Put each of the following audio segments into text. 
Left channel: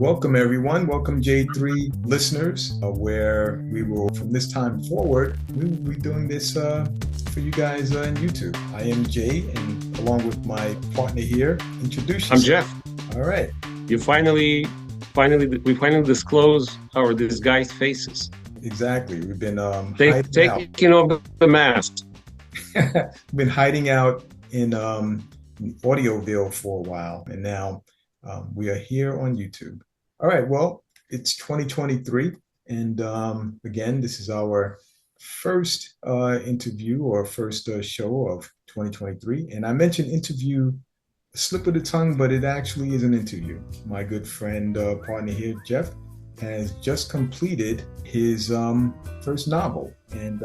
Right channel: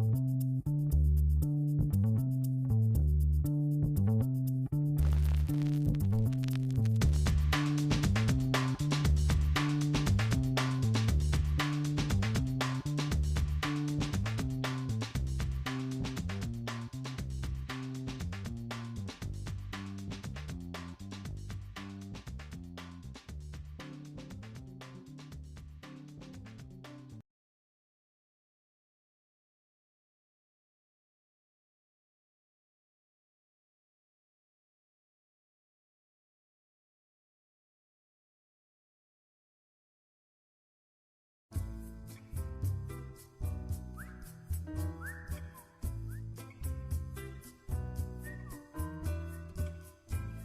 Welcome, everyone. Welcome, J3 listeners, where we will, from this time forward, we will be doing this for you guys on YouTube. I am Jay, and along with my partner here, introduce yourself. I'm Jeff. All right. We finally disclose our disguised faces. Exactly. We've been taking off the mask. We've been hiding out in Audioville for a while, and now we are here on YouTube. All right, well, it's 2023, and again, this is our first interview or first show of 2023. And I mentioned interview, a slip of the tongue, but it actually is an interview. My good friend, partner here, Jeff, has just completed his first novel, and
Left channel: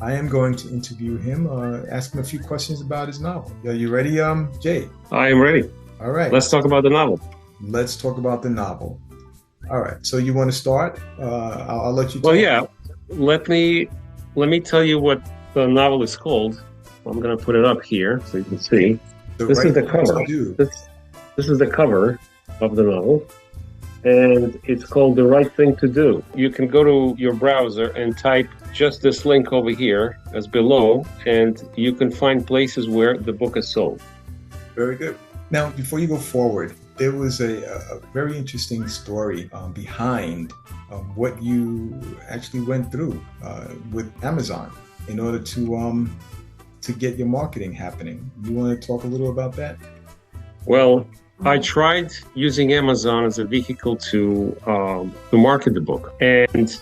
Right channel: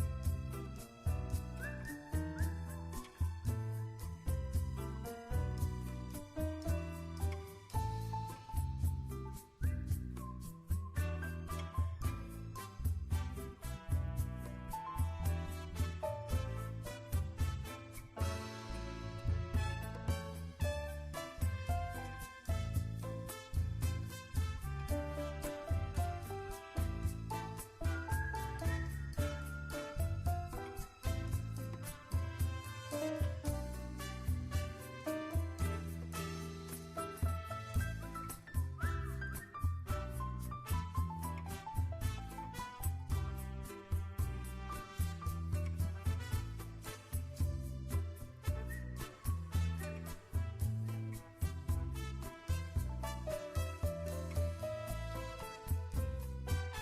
I am going to interview him, ask him a few questions about his novel. Are you ready, Jay? I am ready. All right. Let's talk about the novel. Let's talk about the novel. All right. So you want to start? I'll let you. Well, yeah. Let me tell you what the novel is called. I'm going to put it up here so you can see. This is the cover. This is the cover of the novel, and it's called The Right Thing to Do. You can go to your browser and type just this link over here as below, and you can find places where the book is sold. Very good. Now, before you go forward, there was a very interesting story behind what you actually went through with Amazon in order to get your marketing happening. You want to talk a little about that? Well, I tried using Amazon as a vehicle to market the book, and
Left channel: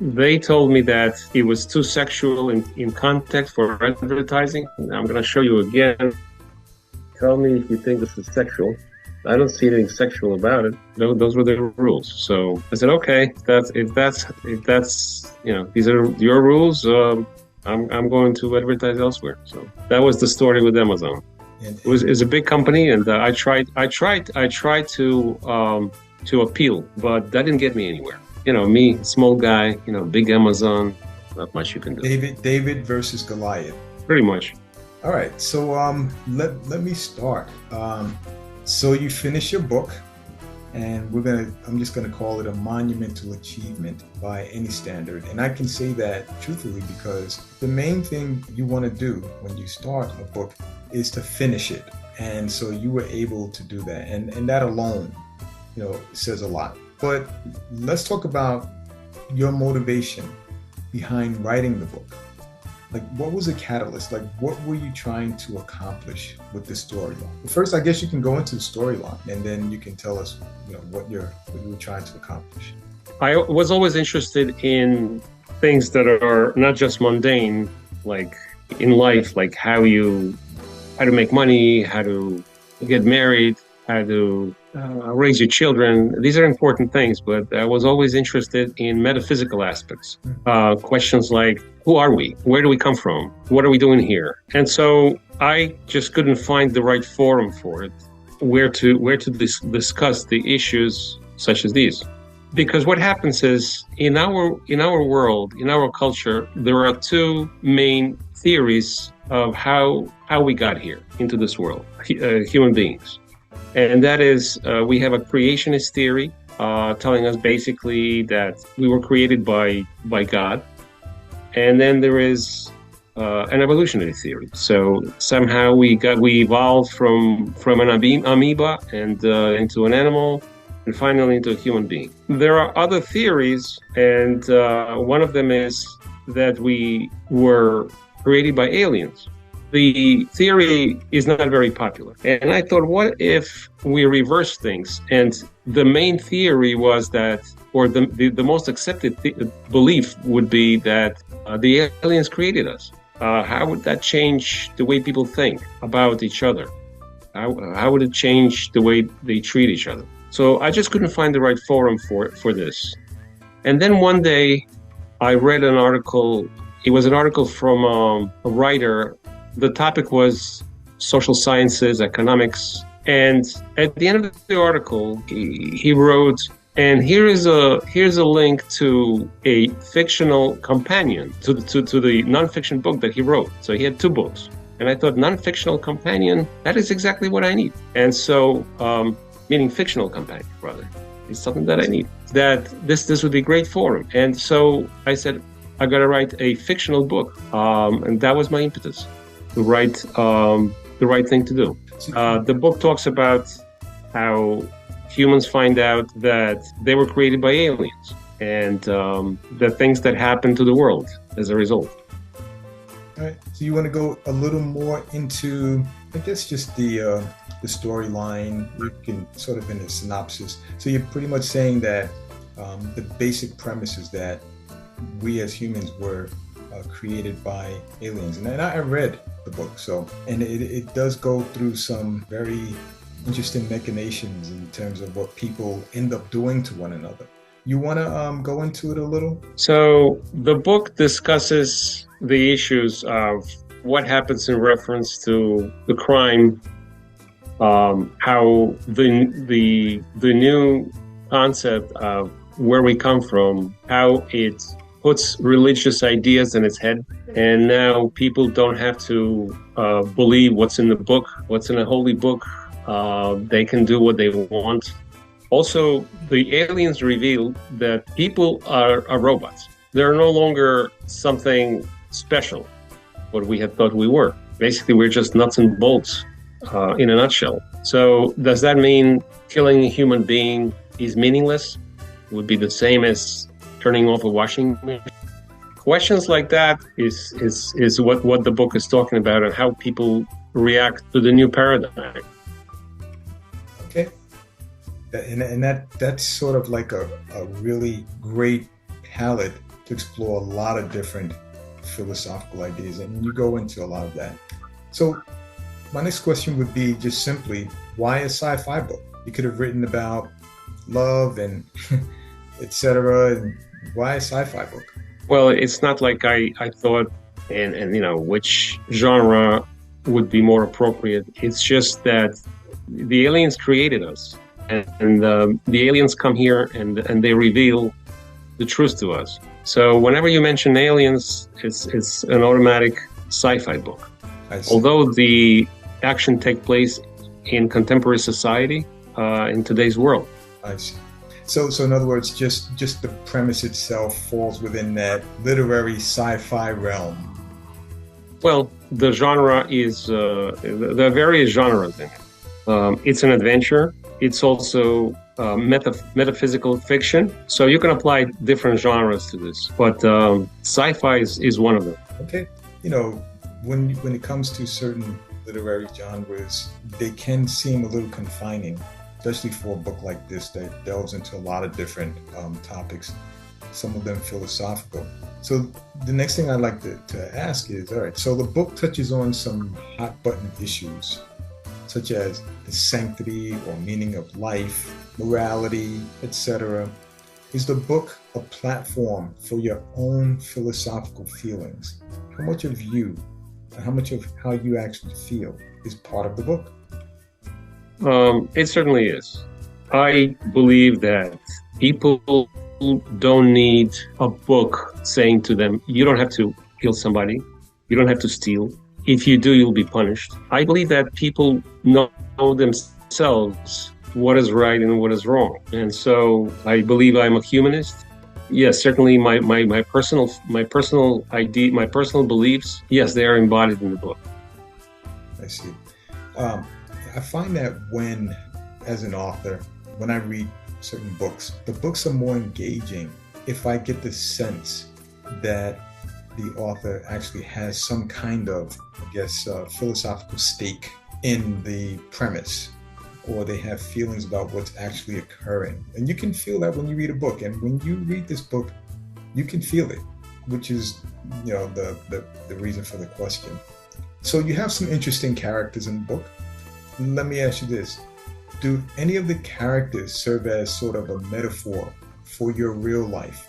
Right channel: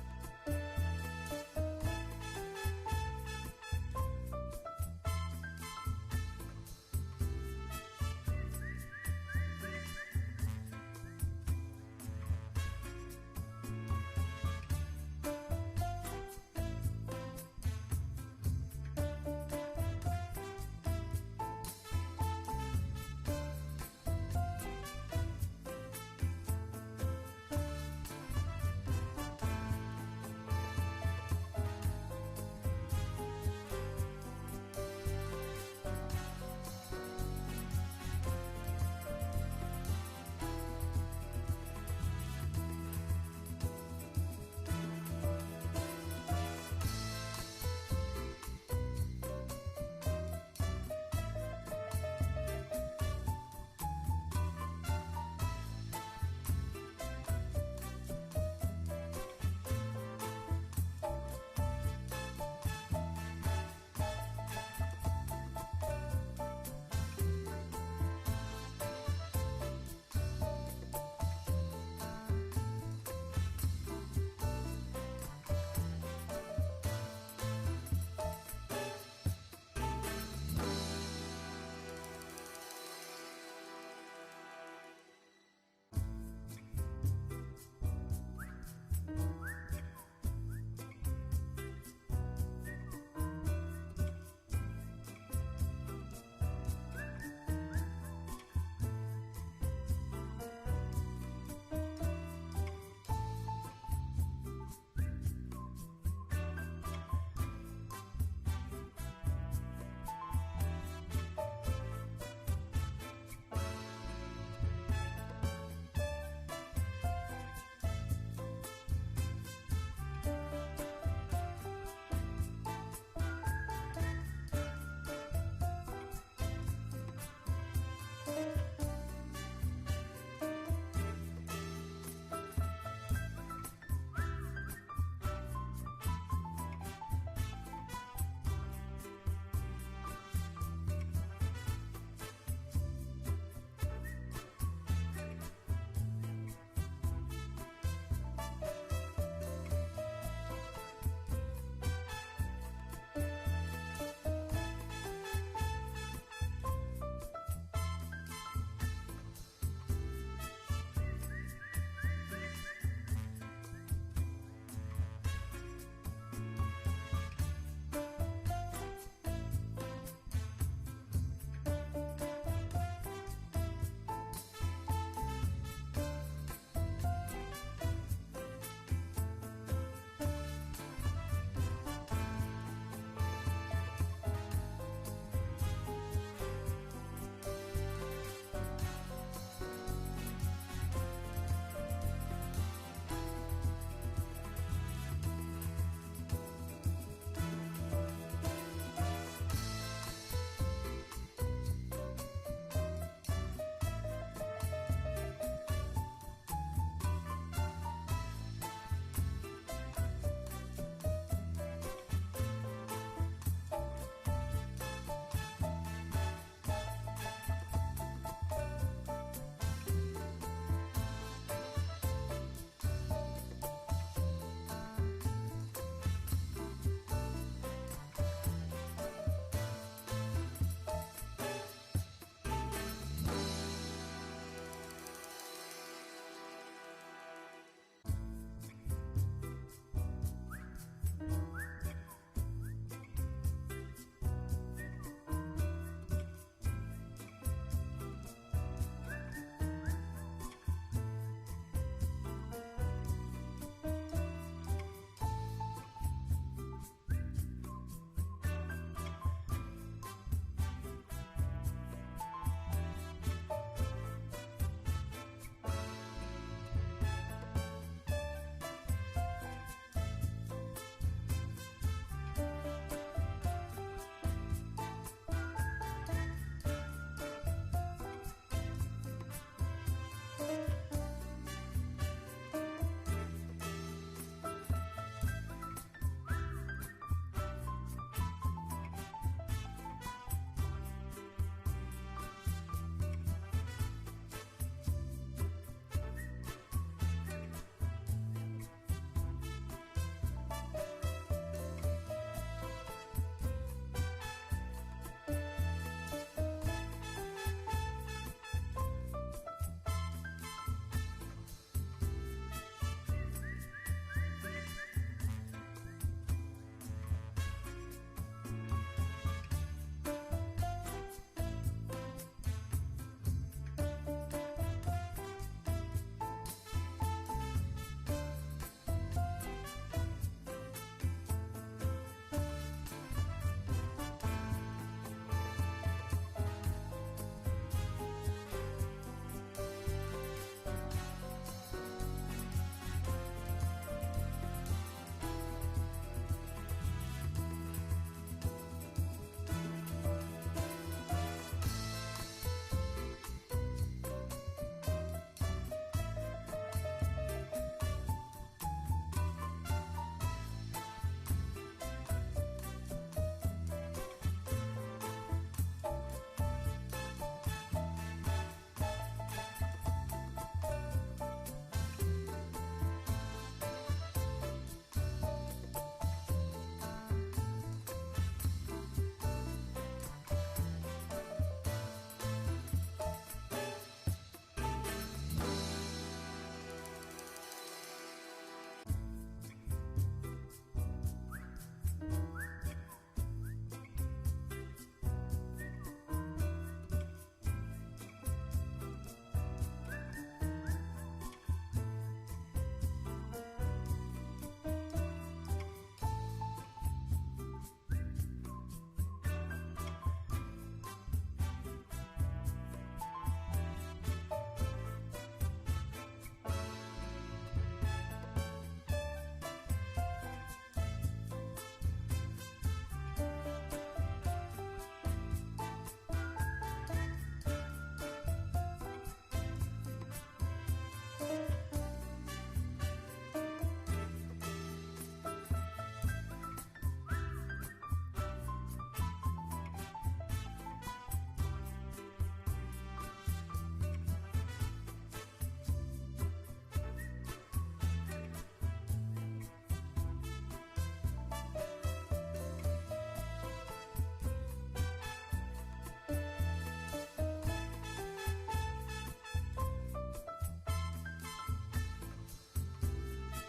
they told me that it was too sexual in context for advertising. I'm going to show you again. Tell me if you think this is sexual. I don't see anything sexual about it. Those were the rules. So I said, okay, if that's these are your rules. I'm going to advertise elsewhere. So that was the story with Amazon. It was a big company, and I tried to appeal, but that didn't get me anywhere. Me, small guy. Big Amazon. Not much you can do. David versus Goliath. Pretty much. All right. So let me start. So you finish your book, and I'm just gonna call it a monumental achievement by any standard. And I can say that truthfully because the main thing you want to do when you start a book is to finish it. And so you were able to do that, and that alone, says a lot. But let's talk about your motivation behind writing the book. Like, what was the catalyst? Like, what were you trying to accomplish with this story? First, I guess you can go into the storyline, and then you can tell us, what you were trying to accomplish. I was always interested in things that are not just mundane, like in life, like how to make money, how to get married, how to raise your children. These are important things, but I was always interested in metaphysical aspects. Questions like, who are we? Where do we come from? What are we doing here? And so I just couldn't find the right forum for it, where to discuss the issues such as these. Because what happens is, in our world, in our culture, there are two main theories of how we got here into this world, human beings. And that is, we have a creationist theory telling us basically that we were created by God. And then there is an evolutionary theory. So somehow we evolved from an amoeba and into an animal, and finally into a human being. There are other theories, and one of them is that we were created by aliens. The theory is not very popular. And I thought, what if we reverse things? And the main theory was that, or the most accepted belief would be that the aliens created us. How would that change the way people think about each other? How would it change the way they treat each other? So I just couldn't find the right forum for this. And then one day I read an article. It was an article from a writer. The topic was social sciences, economics. And at the end of the article, he wrote, and here's a link to a fictional companion to the nonfiction book that he wrote. So he had two books. And I thought, non-fictional companion, that is exactly what I need. And so, meaning fictional companion, rather. It's something that I need. That this would be great for him. And so I said, I got to write a fictional book, and that was my impetus to write the right thing to do. The book talks about how humans find out that they were created by aliens, and the things that happen to the world as a result. All right. So you want to go a little more into, I guess, just the storyline. You can sort of in a synopsis. So you're pretty much saying that the basic premise is that we as humans were created by aliens, and I read the book. So, and it does go through some very interesting machinations in terms of what people end up doing to one another. You want to go into it a little? So the book discusses the issues of what happens in reference to the crime, how the new concept of where we come from, how it puts religious ideas in its head, and now people don't have to believe what's in the book, what's in a holy book. They can do what they want. Also, the aliens reveal that people are robots. They're no longer something special, what we had thought we were. Basically, we're just nuts and bolts in a nutshell. So does that mean killing a human being is meaningless? It would be the same as turning off a washing machine? Questions like that is what the book is talking about, and how people react to the new paradigm. Okay. And that's sort of like a really great palette to explore a lot of different philosophical ideas, and you go into a lot of that. So my next question would be just simply, why a sci-fi book? You could have written about love and etc. And why a sci-fi book? Well, it's not like I thought and which genre would be more appropriate. It's just that the aliens created us, and the aliens come here and they reveal the truth to us. So whenever you mention aliens, it's an automatic sci-fi book. Although the action takes place in contemporary society, in today's world. I see. So in other words, just the premise itself falls within that literary sci-fi realm. Well, the genre is there are various genres in it. It's an adventure. It's also metaphysical fiction. So you can apply different genres to this, but sci-fi is one of them. Okay. When it comes to certain literary genres, they can seem a little confining, especially for a book like this that delves into a lot of different topics, some of them philosophical. So the next thing I'd like to ask is, all right, so the book touches on some hot button issues, such as the sanctity or meaning of life, morality, etc. Is the book a platform for your own philosophical feelings? How much of you, how much of how you actually feel is part of the book? It certainly is. I believe that people don't need a book saying to them, you don't have to kill somebody, you don't have to steal. If you do, you'll be punished. I believe that people know themselves what is right and what is wrong. And so I believe I'm a humanist. Yes, certainly my personal idea, my personal beliefs, yes, they are embodied in the book. I see. I find that as an author, when I read certain books, the books are more engaging if I get the sense that the author actually has some kind of, philosophical stake in the premise, or they have feelings about what's actually occurring. And you can feel that when you read a book. And when you read this book, you can feel it, which is, the reason for the question. So you have some interesting characters in the book. Let me ask you this. Do any of the characters serve as sort of a metaphor for your real life?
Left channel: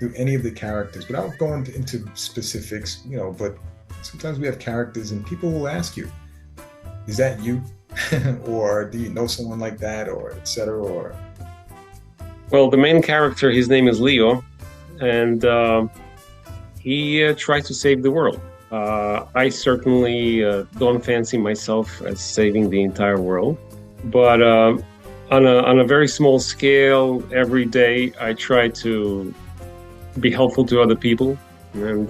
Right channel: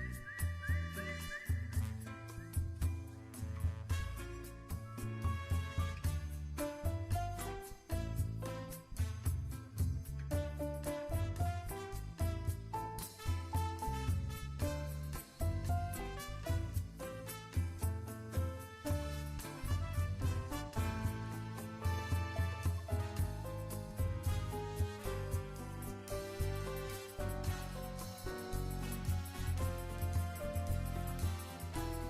Do any of the characters, without going into specifics, but sometimes we have characters and people will ask you, is that you? Or do you know someone like that, or etc.? Well, the main character, his name is Leo, and he tries to save the world. I certainly don't fancy myself as saving the entire world, but on a very small scale, every day I try to be helpful to other people, and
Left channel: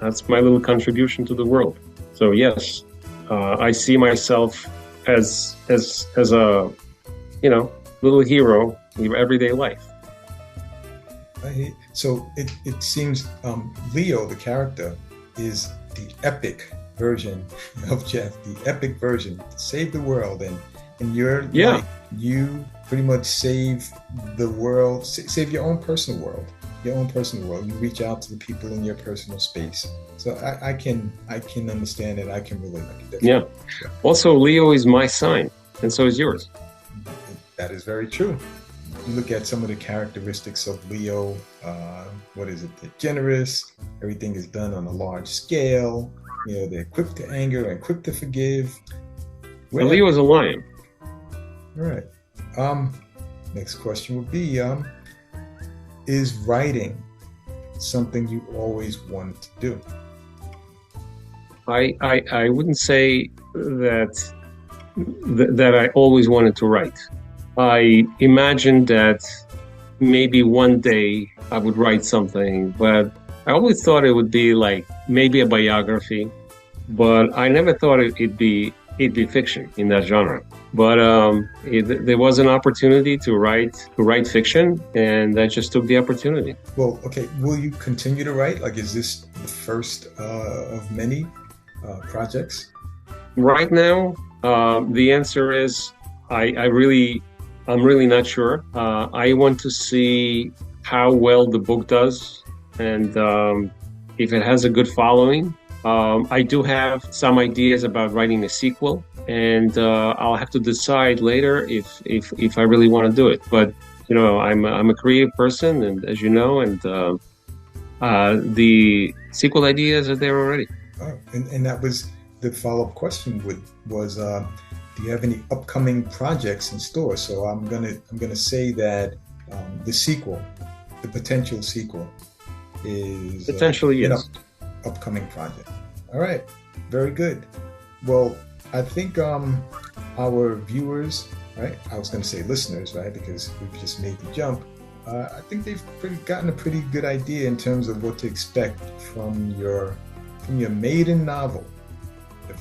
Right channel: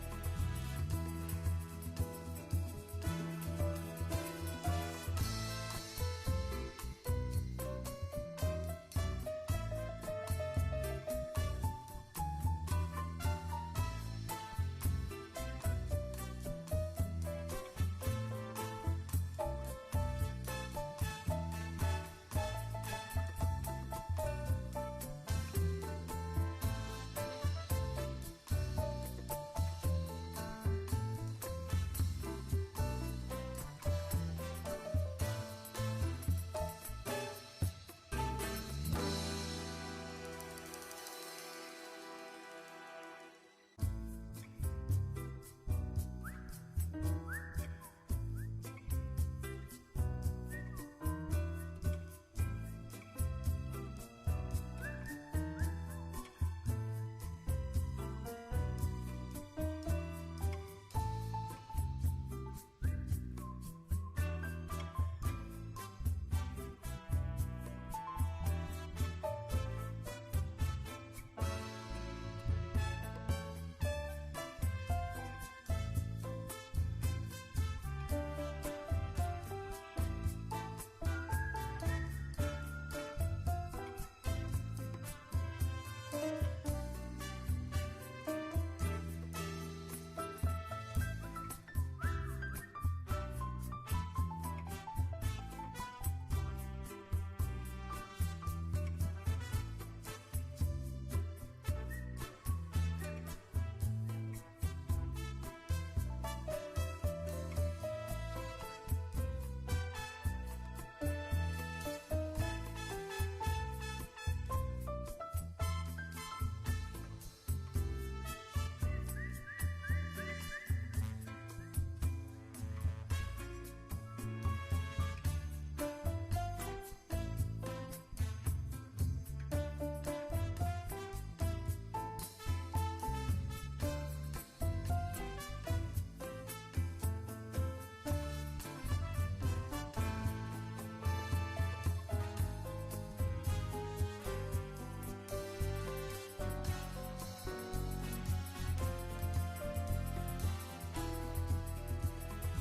that's my little contribution to the world. So yes, I see myself as a little hero in everyday life. So it seems Leo, the character, is the epic version of Jeff, the epic version, save the world, and you're Yeah. like, you pretty much save the world, save your own personal world, your own personal world. You reach out to the people in your personal space. So I can understand it. I can relate. Yeah. Also, Leo is my sign, and so is yours. That is very true. You look at some of the characteristics of Leo. What is it? They're generous. Everything is done on a large scale. They're quick to anger and quick to forgive. And Leo is a lion. All right. Next question would be, is writing something you always wanted to do? I wouldn't say that I always wanted to write. I imagined that maybe one day I would write something, but I always thought it would be like maybe a biography, but I never thought it'd be fiction in that genre. But there was an opportunity to write fiction, and I just took the opportunity. Well, okay. Will you continue to write? Like, is this the first of many projects? Right now, the answer is I'm really not sure. I want to see how well the book does, and if it has a good following. I do have some ideas about writing a sequel, and I'll have to decide later if I really want to do it. But I'm a creative person, and as you know, and the sequel ideas are there already. Oh, and that was the follow-up question. Was do you have any upcoming projects in store? So I'm gonna say that the potential sequel, is Potentially, yes. Upcoming project. All right, very good. Well, I think our viewers, right? I was going to say listeners, right? Because we just made the jump. I think they've gotten a pretty good idea in terms of what to expect from your maiden novel.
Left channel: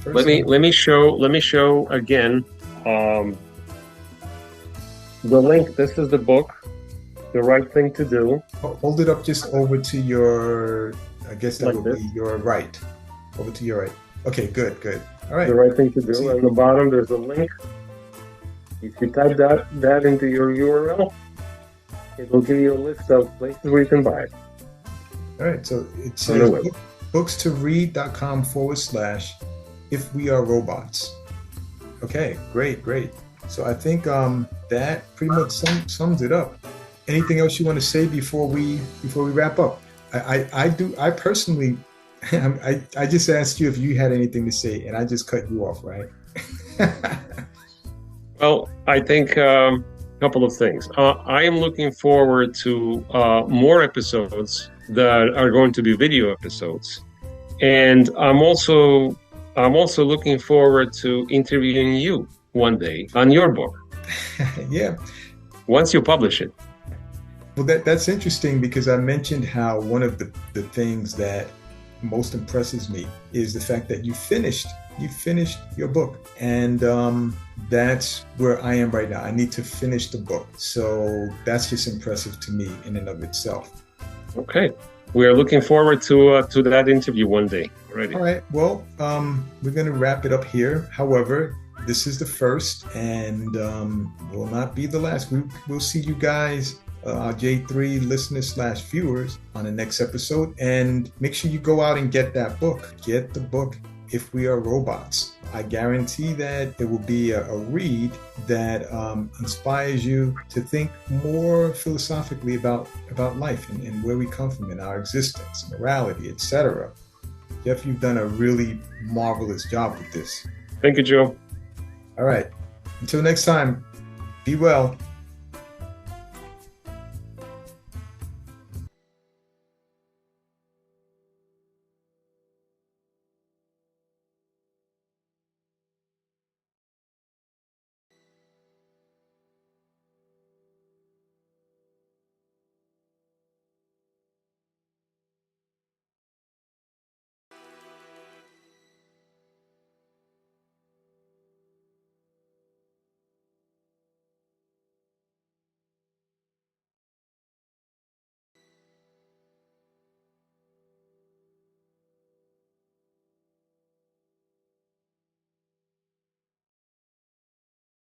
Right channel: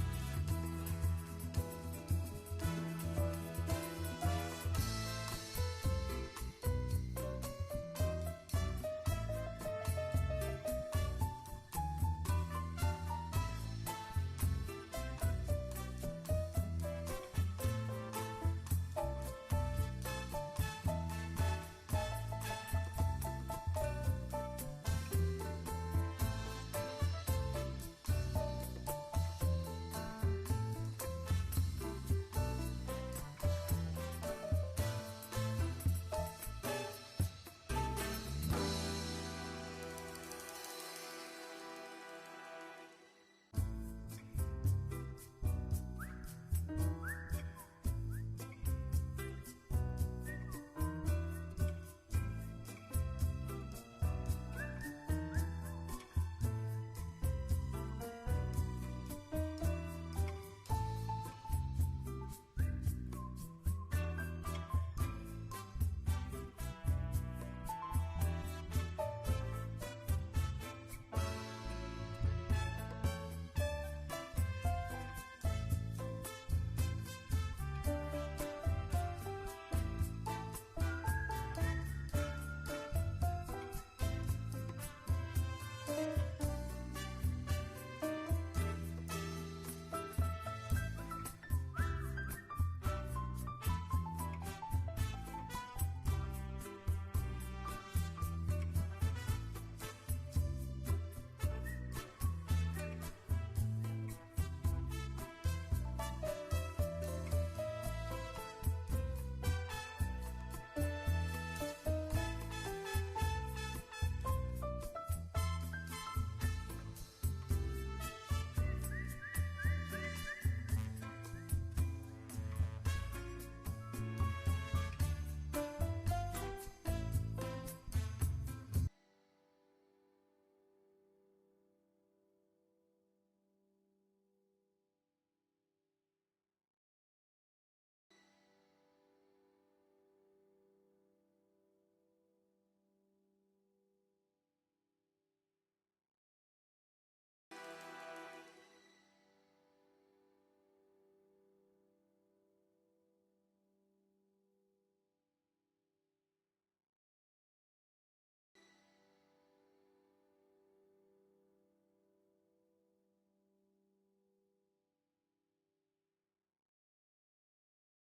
Let me show again the link. This is the book, The Right Thing to Do. Hold it up just over to your, I guess that Like would this? be your right. Over to your right. Okay, good. All right. The Right Thing to Do. On the bottom, there's a link. If you type that into your URL, it will give you a list of places where you can buy it. All right, so it says bookstoread.com/If We Are Robots. Okay, great. So I think that pretty much sums it up. Anything else you want to say before we wrap up? I personally, I just asked you if you had anything to say, and I just cut you off, right? Well, I think a couple of things. I am looking forward to more episodes that are going to be video episodes, and I'm also looking forward to interviewing you one day on your book. Yeah. Once you publish it. Well, that's interesting, because I mentioned how one of the things that most impresses me is the fact that you finished your book, and that's where I am right now. I need to finish the book, so that's just impressive to me in and of itself. Okay, we are looking forward to that interview one day. Already. All right. Well, we're going to wrap it up here. However, this is the first, and will not be the last. We'll see you guys, our J3 listeners/viewers, on the next episode. And make sure you go out and get that book. Get the book, If We Are Robots. I guarantee that it will be a read that inspires you to think more philosophically about life and where we come from in our existence, morality, etc. Jeff, you've done a really marvelous job with this. Thank you, Joe. All right. Until next time, be well.